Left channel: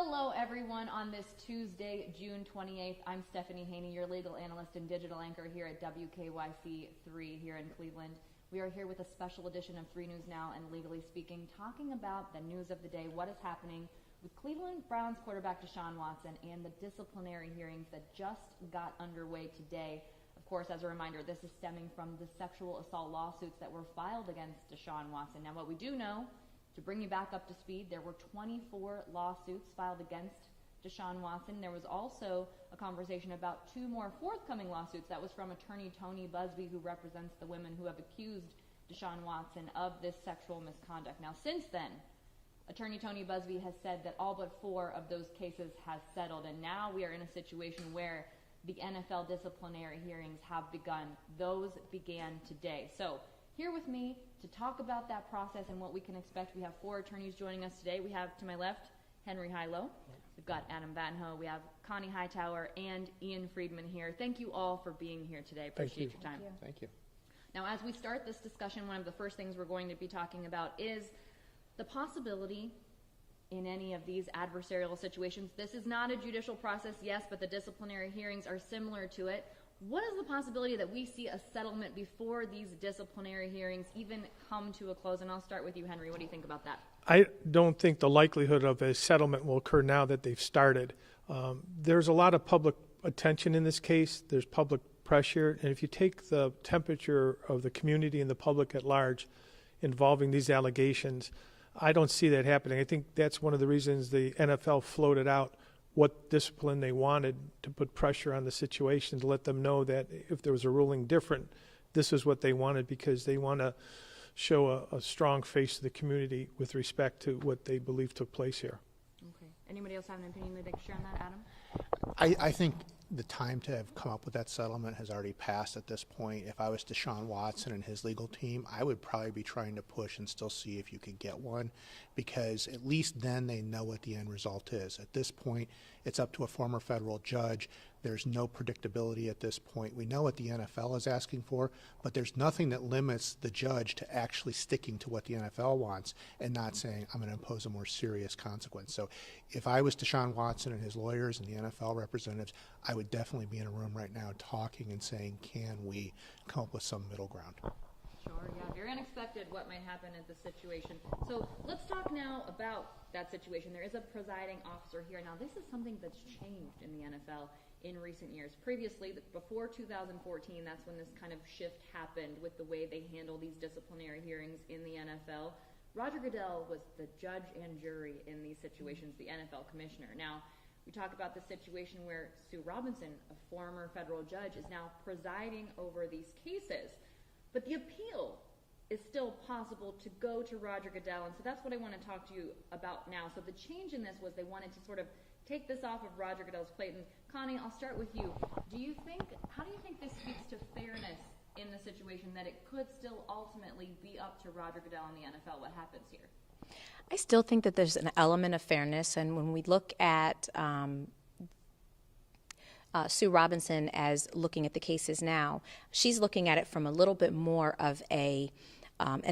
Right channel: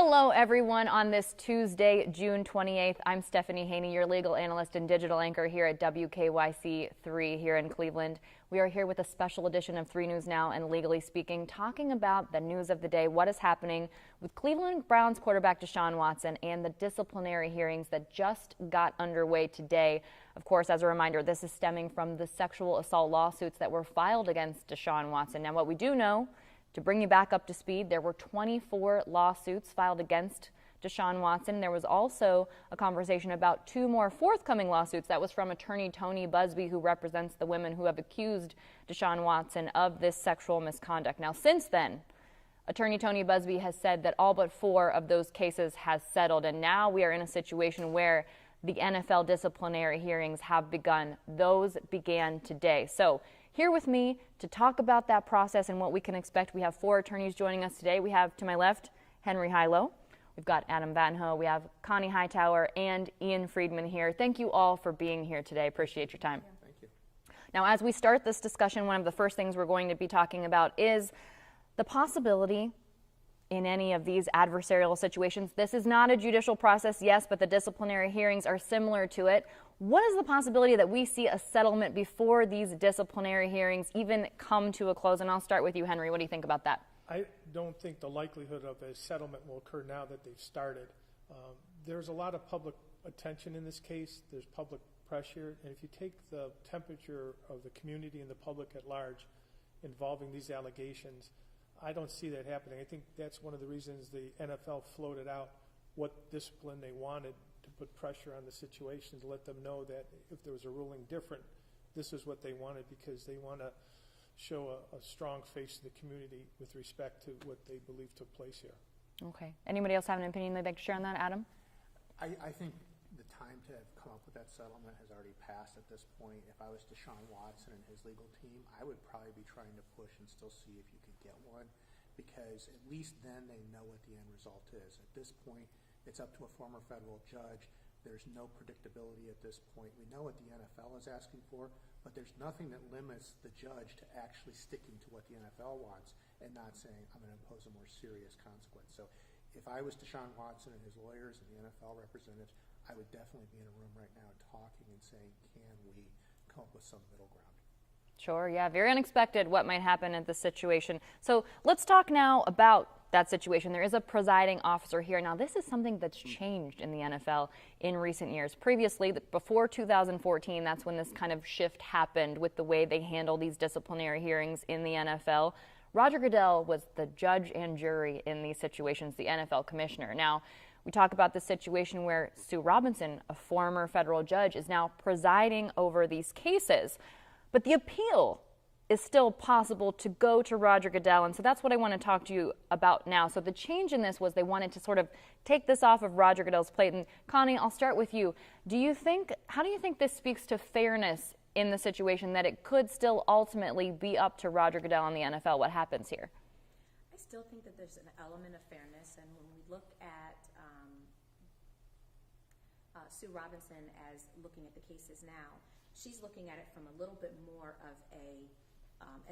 Hello, everyone. On this Tuesday, June 28th, I'm Stephanie Haney, your legal analyst and digital anchor here at WKYC 3 here in Cleveland. We are here with a special edition of 3 News Now and Legally Speaking, talking about the news of the day, what is happening with Cleveland Browns quarterback Deshaun Watson and the disciplinary hearings that just got underway today. Of course, as a reminder, this is stemming from the sexual assault lawsuits that were filed against Deshaun Watson. Now, what we do know, to bring you back up to speed, there were 24 lawsuits filed against Deshaun Watson. There was also a conversation about 2 more forthcoming lawsuits. That was from attorney Tony Busby, who represents the women who have accused Deshaun Watson of this sexual misconduct. Now, since then, attorney Tony Busby has said that all but 4 of those cases has settled, and now we are in a situation where the NFL disciplinary hearings have begun. Those began today. So here with me to talk about that process and what we can expect, we have 4 attorneys joining us today. We have, to my left, Henry Hilow. We've got Adam Vanho. We have Kani Hightower and Ian Friedman here. Thank you all for being here today. Appreciate your time. Thank you. Now, as we start this discussion, one of the first things we're going to be talking about is the possibility in any of these adversarial situations. This is not a judicial process, yes, but the disciplinary hearings are similar to it. What is the possibility that we see a settlement before these disciplinary hearings even come to a close? And I'll start with you, Henry. What do you think about that? I don't think the likelihood of a settlement will occur now that they've started. There's a lot of public attention in this case. There's public pressure. And if you take the temperature of the community and the public at large involving these allegations, I don't see that happening. I think that's one of the reasons the NFL floated out what discipline they wanted, to put pressure on the situation, to let them know that if there was a ruling different, this is what they wanted, because they want to show a strong face to the community with respect to what they believe took place here. Okay. Anybody else have an opinion they'd like to share on that? Adam? I think the time to have come up with that settlement has already passed at this point. If I was Deshaun Watson and his legal team, I would probably be trying to push and still see if you could get one, because at least then they know what the end result is. At this point, it's up to a former federal judge. There's no predictability at this point. We know what the NFL is asking for, but there's nothing that limits the judge to actually sticking to what the NFL wants and not saying, I'm going to impose a more serious consequence. So if I was Deshaun Watson and his lawyers and the NFL representatives, I would definitely be in a room right now talking and saying, can we come up with some middle ground? Sure, yeah, very unexpected what might happen in this situation. So let's talk now about that situation. There is a presiding officer here. Now, this is something that's changed in the NFL in recent years. Previously, before 2014, that's when this kind of shift happened with the way they handle these disciplinary hearings in the NFL. Roger Goodell was the judge and jury in these situations, the NFL commissioner. Now, we talk about the situation where Sue Robinson, a former federal judge, is now presiding over these cases. But the appeal is still possible to go to Roger Goodell, and so that's what I want to talk to you about now. So the change in this was they wanted to sort of take this off of Roger Goodell's plate. And Kani, I'll start with you. How do you think this speaks to fairness in the situation, that it could still ultimately be up to Roger Goodell and the NFL? What happens here? I still think that there's an element of fairness, and when we look at Sue Robinson as looking at the cases now, she's looking at it from a little bit more of an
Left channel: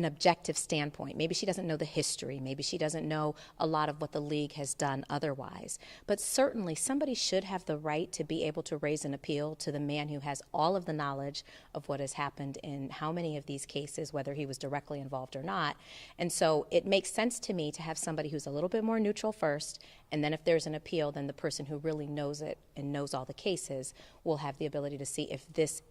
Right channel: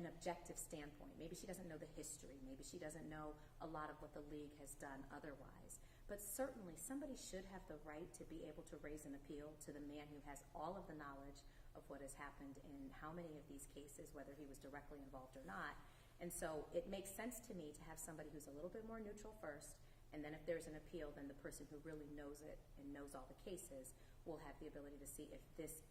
objective standpoint. Maybe she doesn't know the history. Maybe she doesn't know a lot of what the league has done otherwise. But certainly somebody should have the right to be able to raise an appeal to the man who has all of the knowledge of what has happened in how many of these cases, whether he was directly involved or not. And so it makes sense to me to have somebody who's a little bit more neutral first, and then if there's an appeal, then the person who really knows it and knows all the cases will have the ability to see if this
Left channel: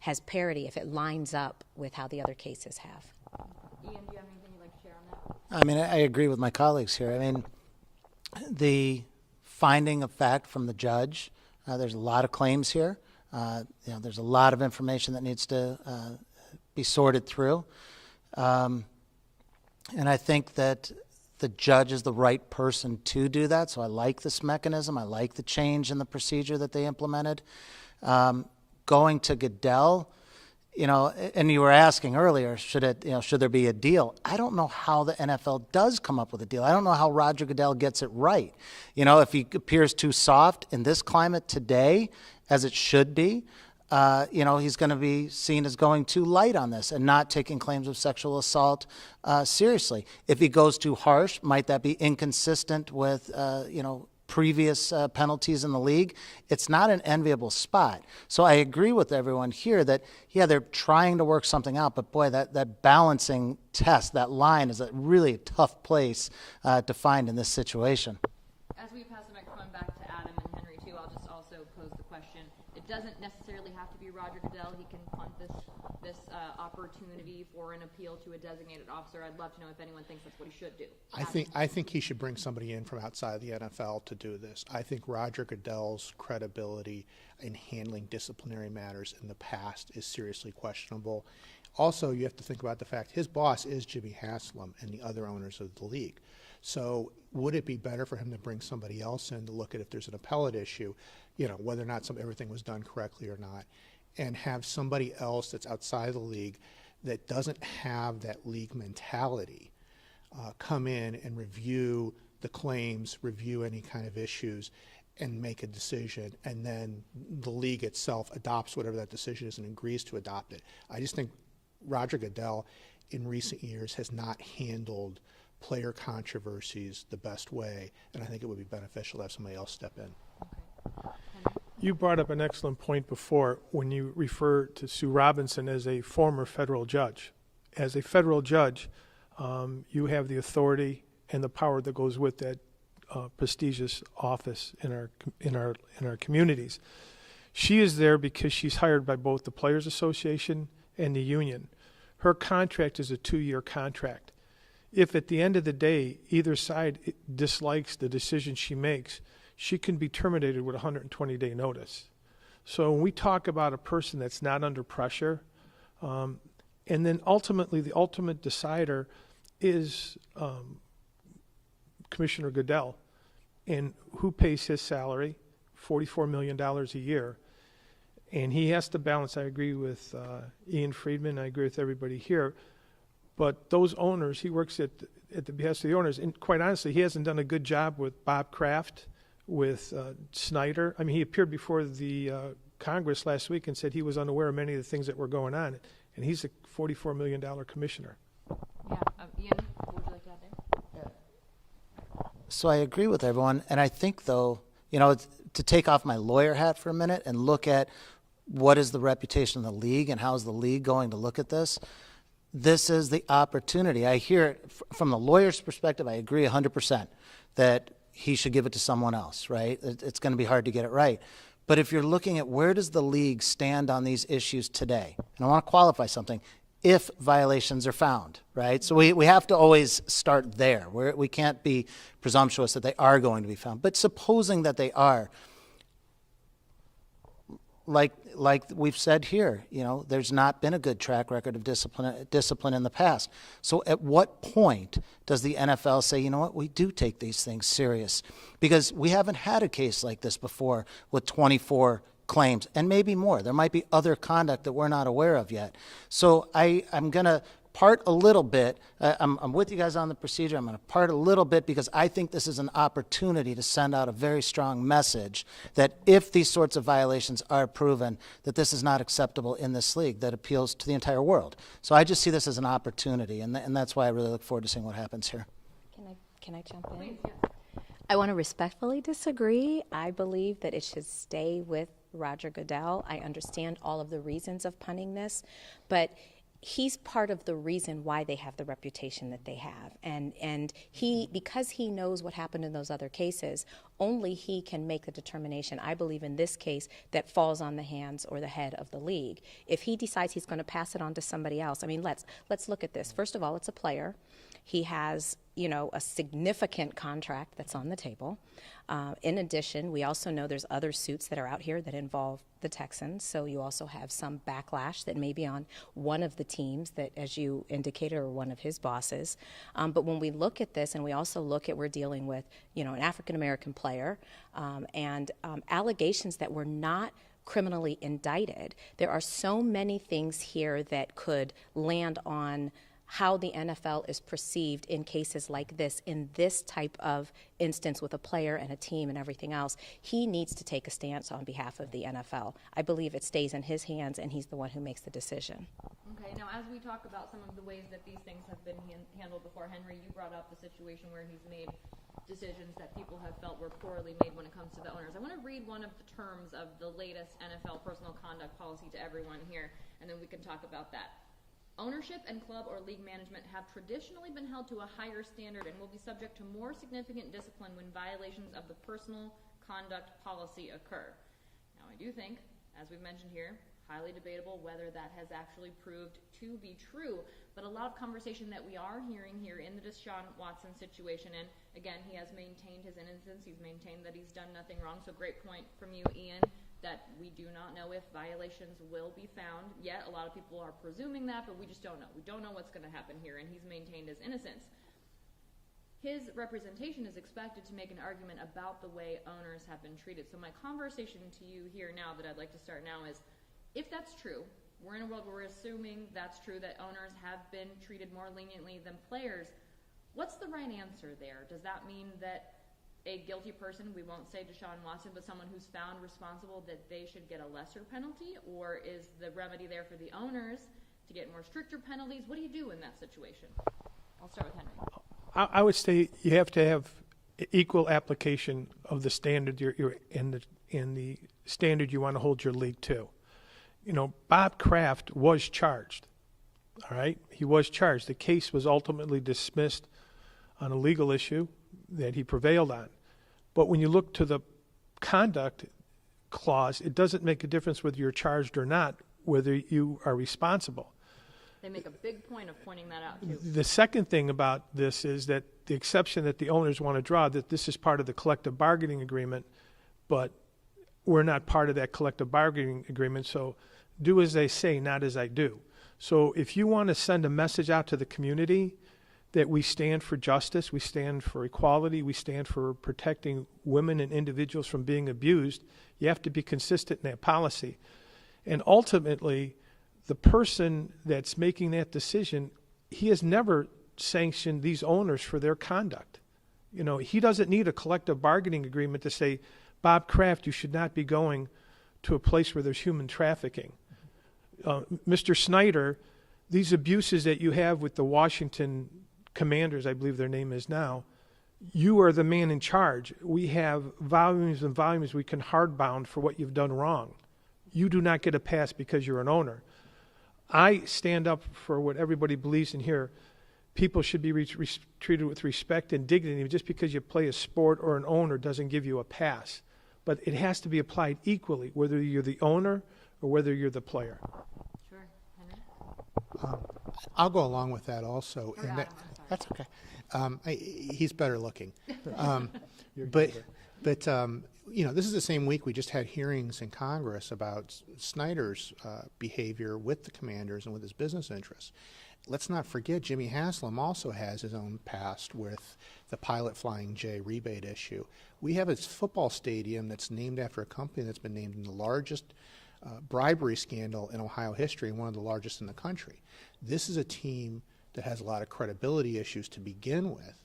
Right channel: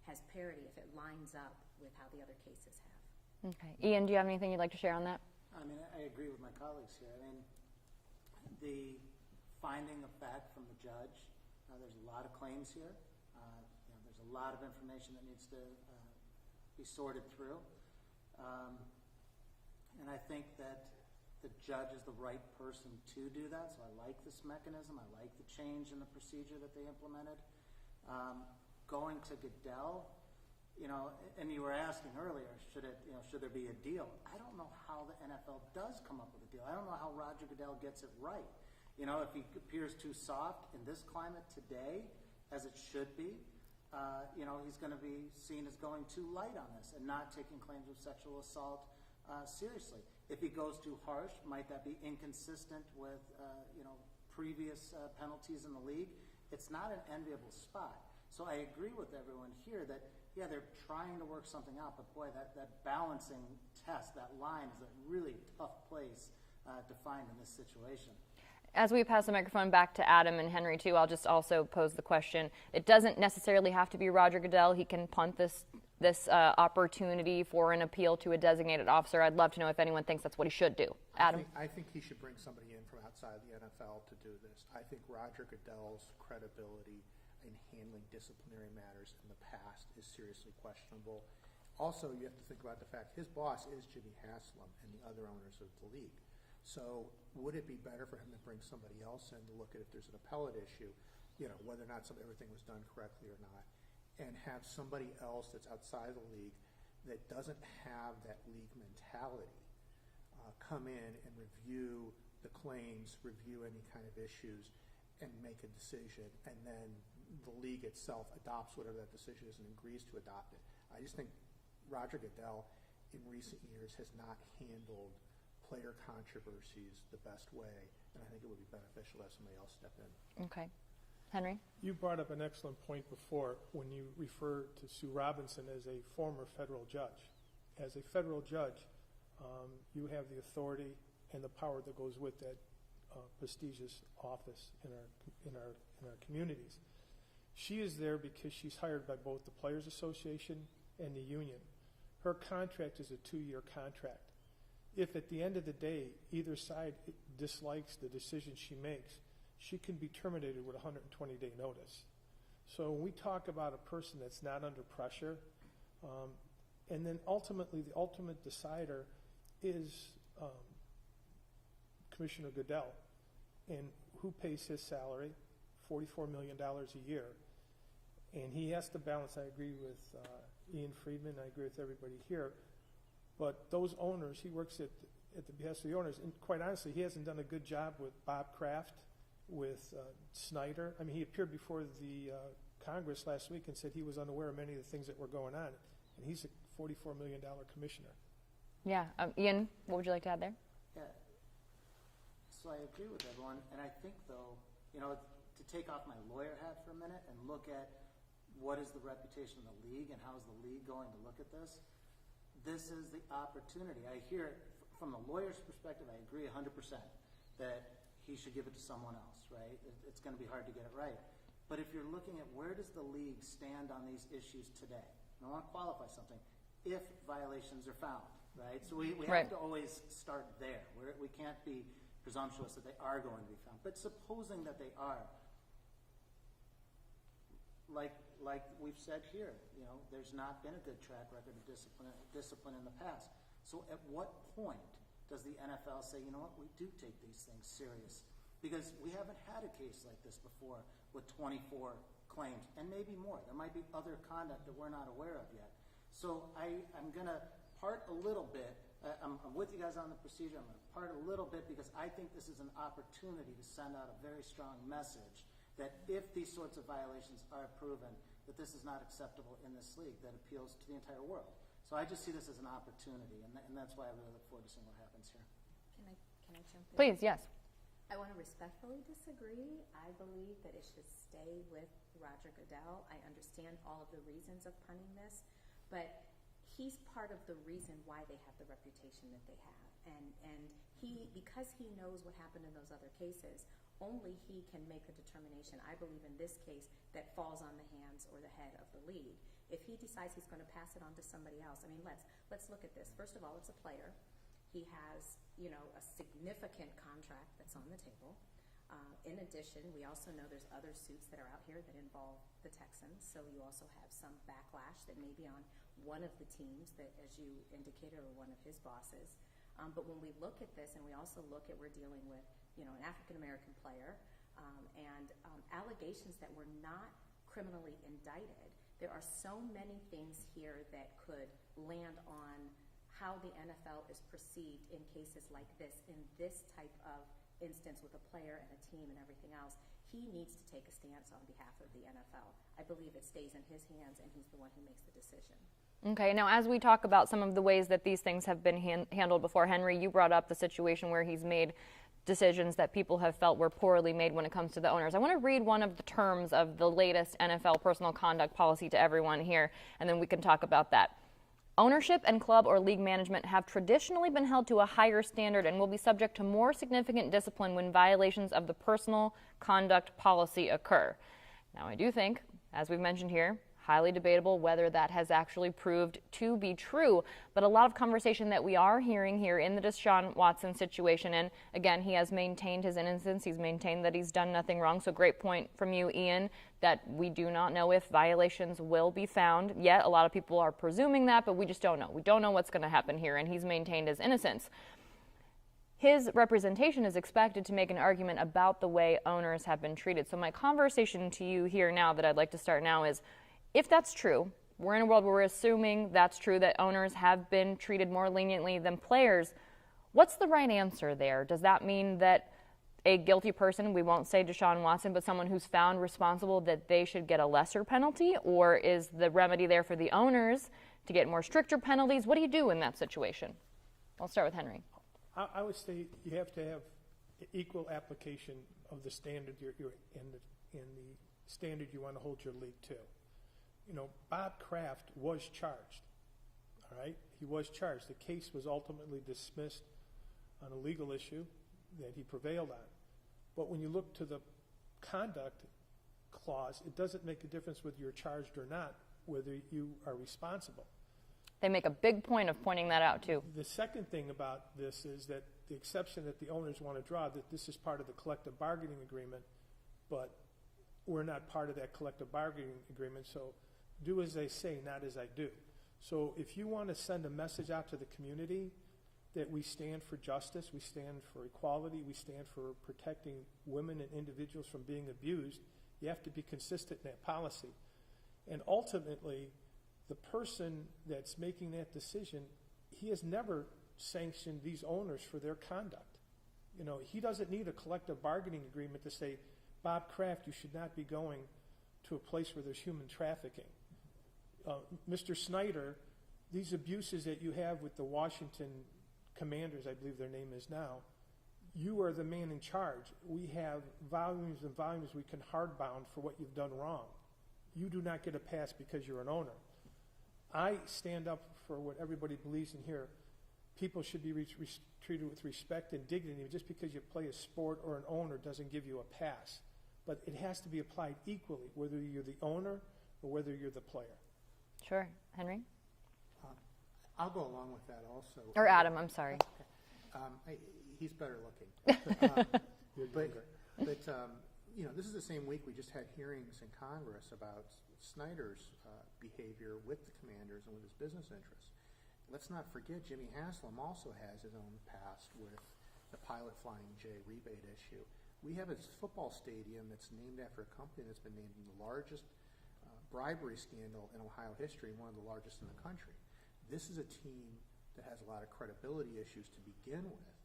has parity, if it lines up with how the other cases have. Okay. Ian, do you have anything you'd like to share on that? I mean, I agree with my colleagues here. I mean, the finding of fact from the judge, there's a lot of claims here. There's a lot of information that needs to be sorted through. And I think that the judge is the right person to do that. So I like this mechanism. I like the change in the procedure that they implemented. Going to Goodell, and you were asking earlier, should there be a deal? I don't know how the NFL does come up with a deal. I don't know how Roger Goodell gets it right. If he appears too soft in this climate today, as it should be, he's going to be seen as going too light on this and not taking claims of sexual assault seriously. If he goes too harsh, might that be inconsistent with, previous penalties in the league? It's not an enviable spot. So I agree with everyone here that, yeah, they're trying to work something out, but boy, that balancing test, that line is a really tough place to find in this situation. As we pass the microphone back to Adam and Henry, too, I'll just also pose the question. It doesn't necessarily have to be Roger Goodell. He can punt this opportunity for an appeal to a designated officer. I'd love to know if anyone thinks that's what he should do. I think he should bring somebody in from outside the NFL to do this. I think Roger Goodell's credibility in handling disciplinary matters in the past is seriously questionable. Also, you have to think about the fact his boss is Jimmy Haslam and the other owners of the league. So would it be better for him to bring somebody else in to look at if there's an appellate issue, whether or not everything was done correctly or not, and have somebody else that's outside the league that doesn't have that league mentality come in and review the claims, review any kind of issues, and make a decision, and then the league itself adopts whatever that decision is and agrees to adopt it. I just think Roger Goodell in recent years has not handled player controversies the best way, and I think it would be beneficial to have somebody else step in. Okay. Henry? You brought up an excellent point before when you refer to Sue Robinson as a former federal judge. As a federal judge, you have the authority and the power that goes with that prestigious office in our communities. She is there because she's hired by both the Players Association and the union. Her contract is a 2-year contract. If at the end of the day either side dislikes the decision she makes, she can be terminated with a 120-day notice. So when we talk about a person that's not under pressure, and then ultimately the ultimate decider is Commissioner Goodell, and who pays his salary, $44 million a year. And he has to balance, I agree with Ian Friedman, I agree with everybody here, but those owners, he works at the behest of the owners, and quite honestly, he hasn't done a good job with Bob Kraft, with Snyder. I mean, he appeared before the Congress last week and said he was unaware of many of the things that were going on, and he's a $44 million commissioner. Yeah. Ian, what would you like to add there? So I agree with everyone, and I think, though, to take off my lawyer hat for a minute and look at what is the reputation of the league and how is the league going to look at this, this is the opportunity. I hear it from the lawyer's perspective. I agree 100% that he should give it to someone else, right? It's going to be hard to get it right. But if you're looking at where does the league stand on these issues today, and I want to qualify something, if violations are found, right? So we have to always start there. We can't be presumptuous that they are going to be found. But supposing that they are, like we've said here, there's not been a good track record of discipline in the past. So at what point does the NFL say, you know what, we do take these things serious? Because we haven't had a case like this before with 24 claims, and maybe more. There might be other conduct that we're not aware of yet. So I'm going to part a little bit. I'm with you guys on the procedure. I'm going to part a little bit because I think this is an opportunity to send out a very strong message that if these sorts of violations are proven, that this is not acceptable in this league that appeals to the entire world. So I just see this as an opportunity, and that's why I really look forward to seeing what happens here. Can I jump in? Please, yes. I want to respectfully disagree. I believe that it should stay with Roger Goodell. I understand all of the reasons of punting this, but he's part of the reason why they have the reputation that they have. And because he knows what happened in those other cases, only he can make the determination, I believe in this case, that falls on the hands or the head of the league. If he decides he's going to pass it on to somebody else, I mean, let's look at this. First of all, it's a player. He has, a significant contract that's on the table. In addition, we also know there's other suits that are out here that involve the Texans, so you also have some backlash that may be on one of the teams that, as you indicated, or one of his bosses. But when we look at this, and we also look at, we're dealing with, an African-American player, and allegations that were not criminally indicted. There are so many things here that could land on how the NFL is perceived in cases like this, in this type of instance with a player and a team and everything else. He needs to take a stance on behalf of the NFL. I believe it stays in his hands, and he's the one who makes the decision. Okay, now as we talk about some of the ways that these things have been handled before, Henry, you brought up the situation where he's made decisions that people have felt were poorly made when it comes to the owners. I want to read one of the terms of the latest NFL personal conduct policy to everyone here, and then we can talk about that. Ownership and club or league management have traditionally been held to a higher standard and will be subject to more significant discipline when violations of the personal conduct policy occur. Now, I do think, as we've mentioned here, highly debatable whether that has actually proved to be true, but a lot of conversation that we are hearing here in the Deshaun Watson situation, and again, he has maintained his innocence, he's maintained that he's done nothing wrong, so great point from you, Ian, that we do not know if violations will be found yet. A lot of people are presuming that, but we just don't know. We don't know what's going to happen here, and he's maintained his innocence. His representation is expected to make an argument about the way owners have been treated. So my conversation to you here now that I'd like to start now is, if that's true, we're in a world where we're assuming that's true, that owners have been treated more leniently than players. What's the right answer there? Does that mean that a guilty person, we won't say Deshaun Watson, but someone who's found responsible, that they should get a lesser penalty? Or is the remedy there for the owners to get more stricter penalties? What do you do in that situation? I'll start with Henry. I would say you have to have equal application of the standard you're in the standard you want to hold your league to. You know, Bob Kraft was charged, all right? He was charged. The case was ultimately dismissed on a legal issue that he prevailed on. But when you look to the conduct clause, it doesn't make a difference whether you're charged or not, whether you are responsible. They make a big point of pointing that out, too. The second thing about this is that the exception that the owners want to draw, that this is part of the collective bargaining agreement, but we're not part of that collective bargaining agreement, so do as they say, not as I do. So if you want to send a message out to the community that we stand for justice, we stand for equality, we stand for protecting women and individuals from being abused, you have to be consistent in that policy. And ultimately, the person that's making that decision, he has never sanctioned these owners for their conduct. You know, he doesn't need a collective bargaining agreement to say, Bob Kraft, you should not be going to a place where there's human trafficking. Mr. Snyder, these abuses that you have with the Washington Commanders, I believe their name is now, you are the man in charge. We have volumes and volumes we can hardbound for what you've done wrong. You do not get a pass because you're an owner. I stand up for what everybody believes in here. People should be treated with respect and dignity. Just because you play a sport or an owner doesn't give you a pass. But it has to be applied equally, whether you're the owner or whether you're the player. Sure. Henry? I'll go along with that also. Or Adam, I'm sorry. That's okay. He's better looking. But you know, this is the same week we just had hearings in Congress about Snyder's behavior with the Commanders and with his business interests. Let's not forget Jimmy Haslam also has his own past with the Pilot Flying J rebate issue. We have a football stadium that's named after a company that's been named in the largest bribery scandal in Ohio history and one of the largest in the country. This is a team that has a lot of credibility issues to begin with.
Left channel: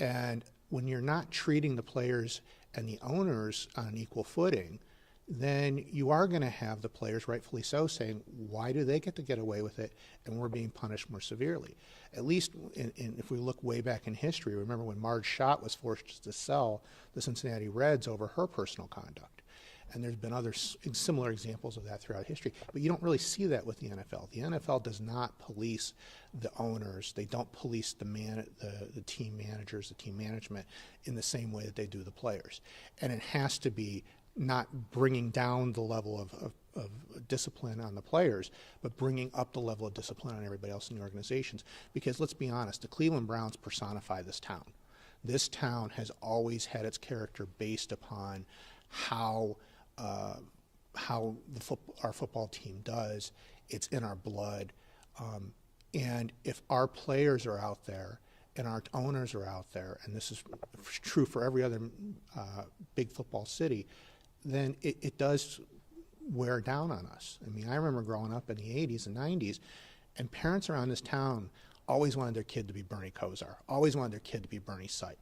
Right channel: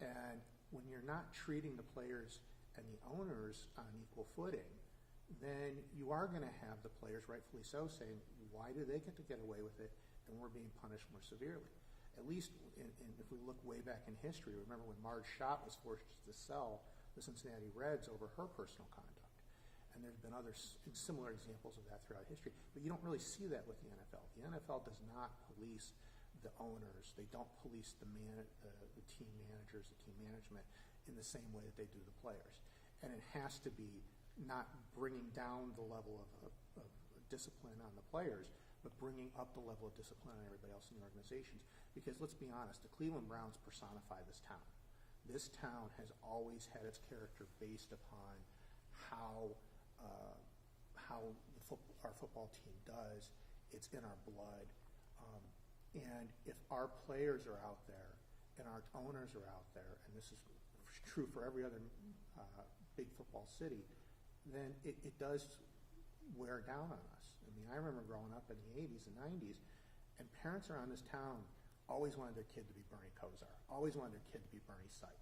And when you're not treating the players and the owners on an equal footing, then you are going to have the players, rightfully so, saying, why do they get to get away with it and we're being punished more severely? At least if we look way back in history, remember when Marge Schott was forced to sell the Cincinnati Reds over her personal conduct. And there's been other similar examples of that throughout history. But you don't really see that with the NFL. The NFL does not police the owners. They don't police the team managers, the team management in the same way that they do the players. And it has to be not bringing down the level of discipline on the players, but bringing up the level of discipline on everybody else in the organizations. Because let's be honest, the Cleveland Browns personify this town. This town has always had its character based upon how our football team does. It's in our blood. And if our players are out there and our owners are out there, and this is true for every other big football city, then it does wear down on us. I mean, I remember growing up in the 80s and 90s, and parents around this town always wanted their kid to be Bernie Kosar, always wanted their kid to be Bernie Sipe.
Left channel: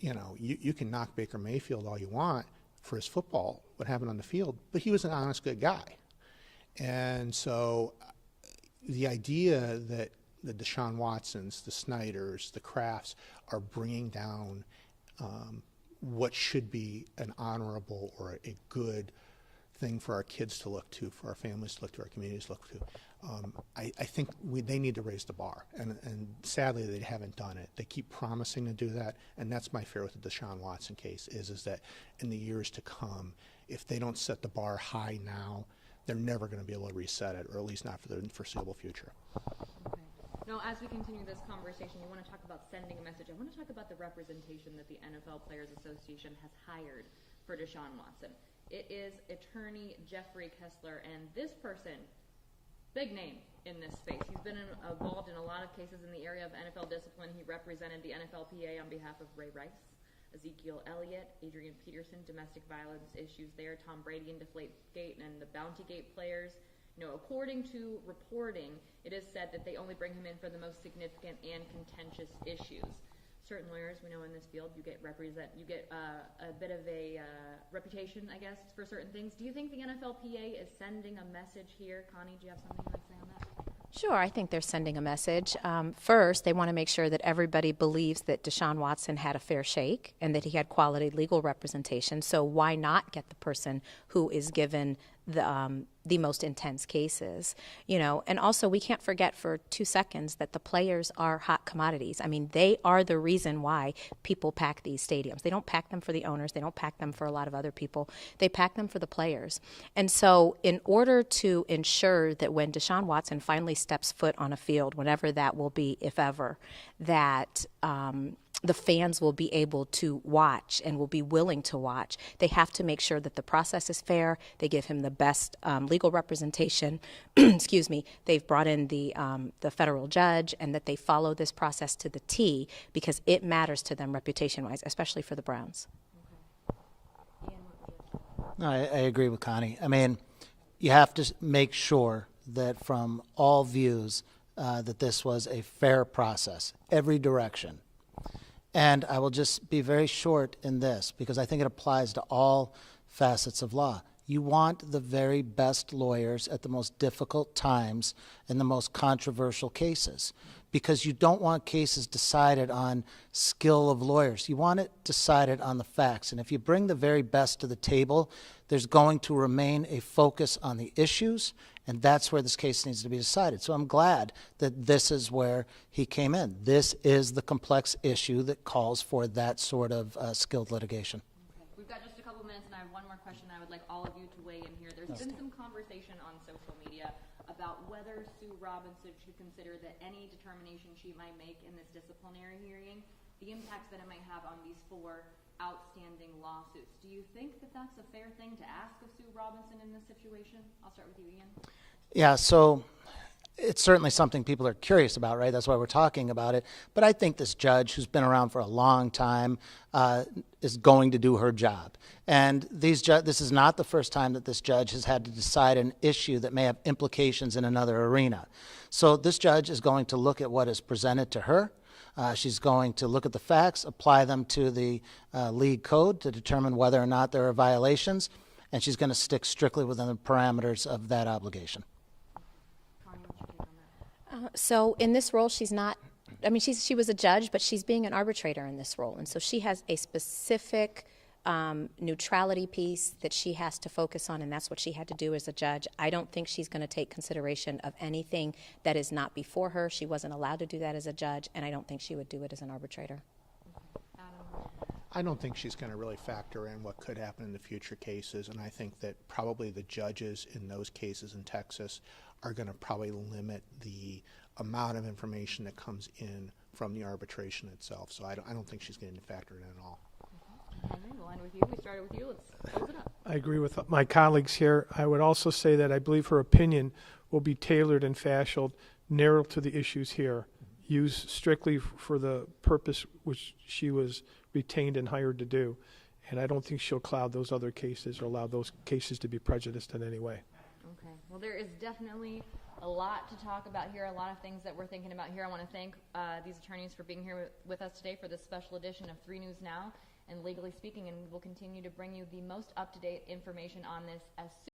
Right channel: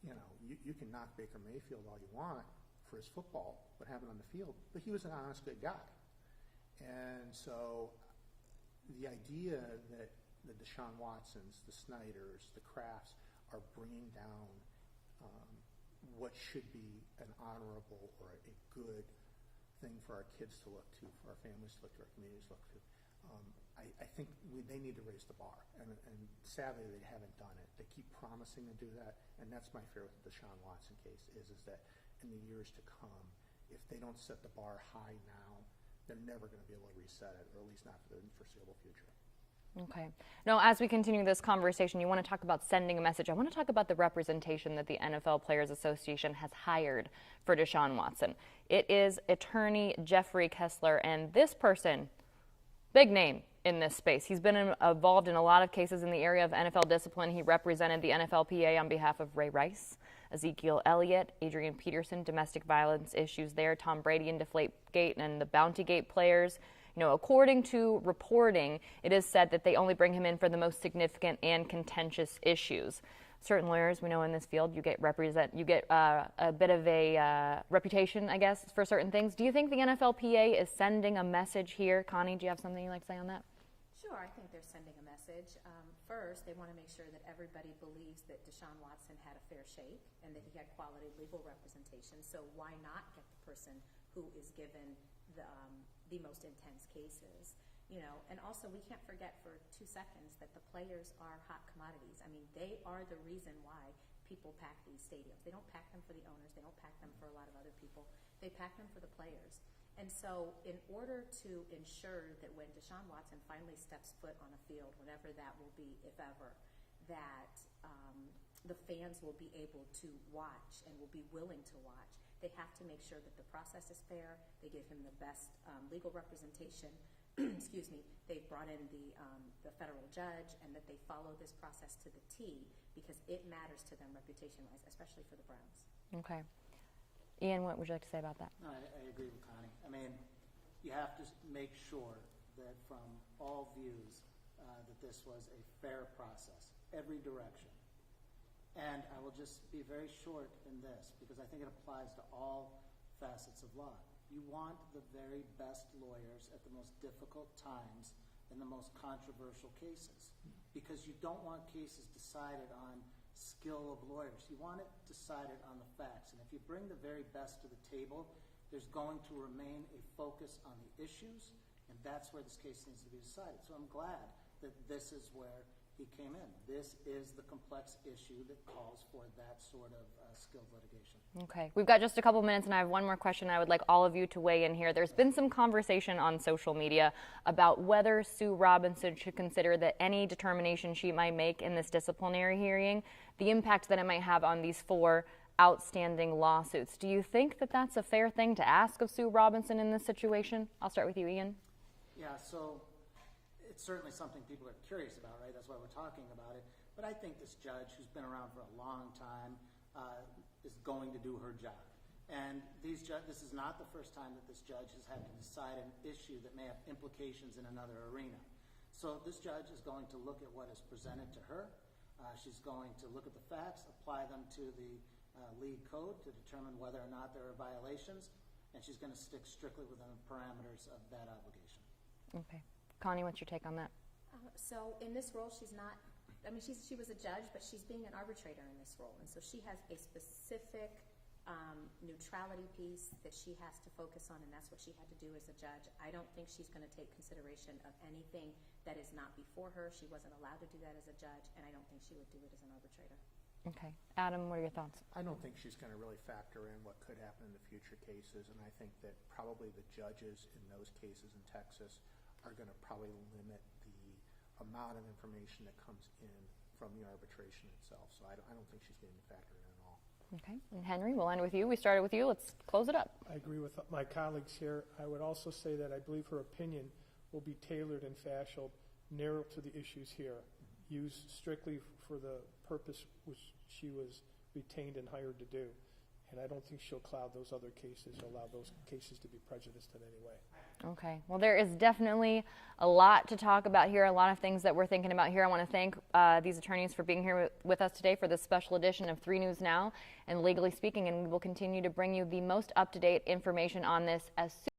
You know, you can knock Baker Mayfield all you want for his football, what happened on the field, but he was an honest, good guy. And so the idea that the Deshaun Watsons, the Snyders, the Krafts are bringing down what should be an honorable or a good thing for our kids to look to, for our families to look to, our communities to look to. I think they need to raise the bar, and sadly they haven't done it. They keep promising to do that, and that's my fear with the Deshaun Watson case is that in the years to come, if they don't set the bar high now, they're never going to be able to reset it, or at least not for the foreseeable future. Okay. Now, as we continue this conversation, you want to talk about sending a message. I want to talk about the representation that the NFL Players Association has hired for Deshaun Watson. It is attorney Jeffrey Kessler, and this person, big name in this space. He's been involved in a lot of cases in the area of NFL discipline. He represented the NFLPA on behalf of Ray Rice, Ezekiel Elliott, Adrian Peterson, domestic violence issues there, Tom Brady and Deflategate and the Bountygate players. You know, according to reporting, it is said that they only bring him in for the most significant and contentious issues. Certain lawyers, we know in this field, you get a bit of a reputation, I guess, for certain things. Do you think the NFLPA is sending a message here? Connie, do you have something you'd like to say on that? Sure, I think they're sending a message. First, they want to make sure that everybody believes that Deshaun Watson had a fair shake and that he had quality legal representation. So why not get the person who is given the most intense cases, you know? And also, we can't forget for 2 seconds that the players are hot commodities. I mean, they are the reason why people pack these stadiums. They don't pack them for the owners. They don't pack them for a lot of other people. They pack them for the players. And so in order to ensure that when Deshaun Watson finally steps foot on a field, whenever that will be, if ever, that the fans will be able to watch and will be willing to watch, they have to make sure that the process is fair. They give him the best legal representation. Excuse me. They've brought in the federal judge, and that they follow this process to the T, because it matters to them reputation-wise, especially for the Browns. Okay. Ian, what would you like to say about that? No, I agree with Connie. I mean, you have to make sure that from all views that this was a fair process, every direction. And I will just be very short in this, because I think it applies to all facets of law. You want the very best lawyers at the most difficult times in the most controversial cases, because you don't want cases decided on skill of lawyers. You want it decided on the facts. And if you bring the very best to the table, there's going to remain a focus on the issues, and that's where this case needs to be decided. So I'm glad that this is where he came in. This is the complex issue that calls for that sort of skilled litigation. Okay. We've got just a couple minutes, and I have one more question I would like all of you to weigh in here. There's been some conversation on social media about whether Sue Robinson should consider that any determination she might make in this disciplinary hearing, the impact that it might have on these 4 outstanding lawsuits. Do you think that that's a fair thing to ask of Sue Robinson in this situation? I'll start with you, Ian. Yeah, so it's certainly something people are curious about, right? That's why we're talking about it. But I think this judge, who's been around for a long time, is going to do her job. And this is not the first time that this judge has had to decide an issue that may have implications in another arena. So this judge is going to look at what is presented to her. She's going to look at the facts, apply them to the league code to determine whether or not there are violations, and she's going to stick strictly within the parameters of that obligation. Okay. Connie, what's your take on that? So in this role, she's not, I mean, she was a judge, but she's being an arbitrator in this role. And so she has a specific neutrality piece that she has to focus on, and that's what she had to do as a judge. I don't think she's going to take consideration of anything that is not before her. She wasn't allowed to do that as a judge, and I don't think she would do it as an arbitrator. Okay. Adam, what are your thoughts? I don't think she's going to really factor in what could happen in the future cases, and I think that probably the judges in those cases in Texas are going to probably limit the amount of information that comes in from the arbitration itself. So I don't think she's going to factor it in at all. Okay. And Henry, we'll end with you. We started with you. Let's close it up. I agree with my colleagues here. I would also say that I believe her opinion will be tailored and fashioned narrow to the issues here, used strictly for the purpose which she was retained and hired to do. And I don't think she'll cloud those other cases or allow those cases to be prejudiced in any way. Okay. Well, there is definitely A lot to talk about here, a lot of things that we're thinking about here. I want to thank these attorneys for being here with us today for this special edition of 3 News Now and Legally Speaking, and we will continue to bring you the most up-to-date information on this as soon